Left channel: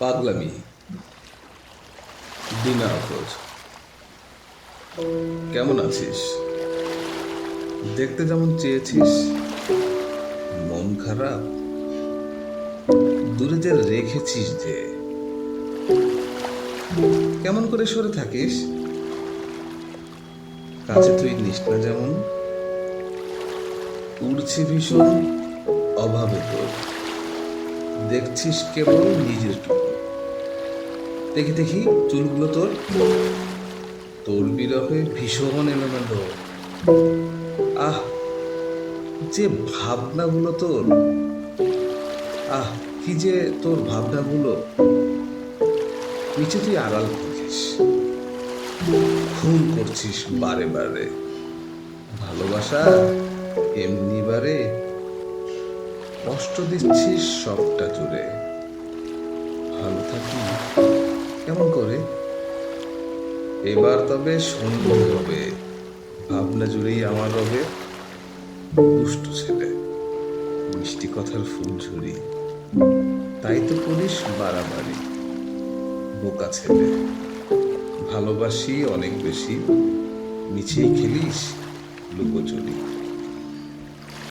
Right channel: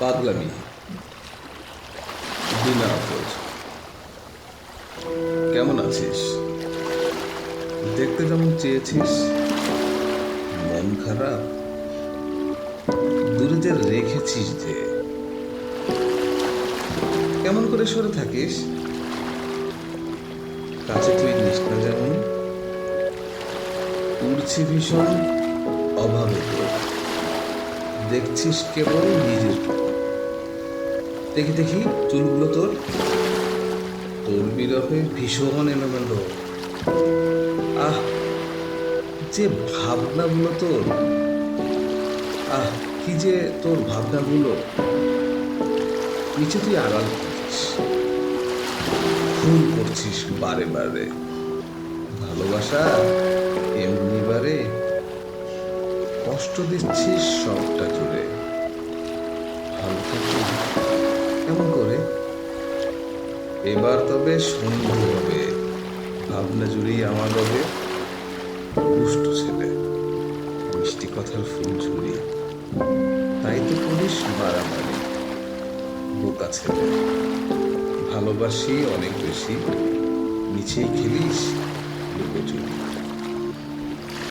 পাগলামি বিনা আফরোজ। কেমন আছিস? দেখতে যেমন চেয়েছিস, মন খারাপ দূরে যে রেখেছিস যে, কেমন করে সরে থাকিস? কাছে তুই নিস না যেমন, উড়ছি ভীষণ অভাবে তোর, দেখছিস কেবল নিজের টুকু। দেখি দেখি চুলগুলো তোর, তোর বিরহে ভীষণ এলোমেলো। আহ, যে ভাবনাগুলো তোর, আহ কি যে তোর ভাবনাগুলো, নিচে তুই আড়াল করছিস, খুন করছিস বারে বারে। ভালোবাসা এমনি বারে, কষ্ট দিচ্ছিস সবটা জুড়ে। ভালো থাকি কেমন করে? এবার তবে সন্ধে হবে, ভাবনা জুড়েই আমার রবে। দুষ্টু ছেলে, মিষ্টি কথার ফুল ঝুরি, তাই তো করিস বাড়াবাড়ি। বোকা ছেলে, ভালোবাসি অনেক বেশি, মিছেই খেলিস লুকোচুরি।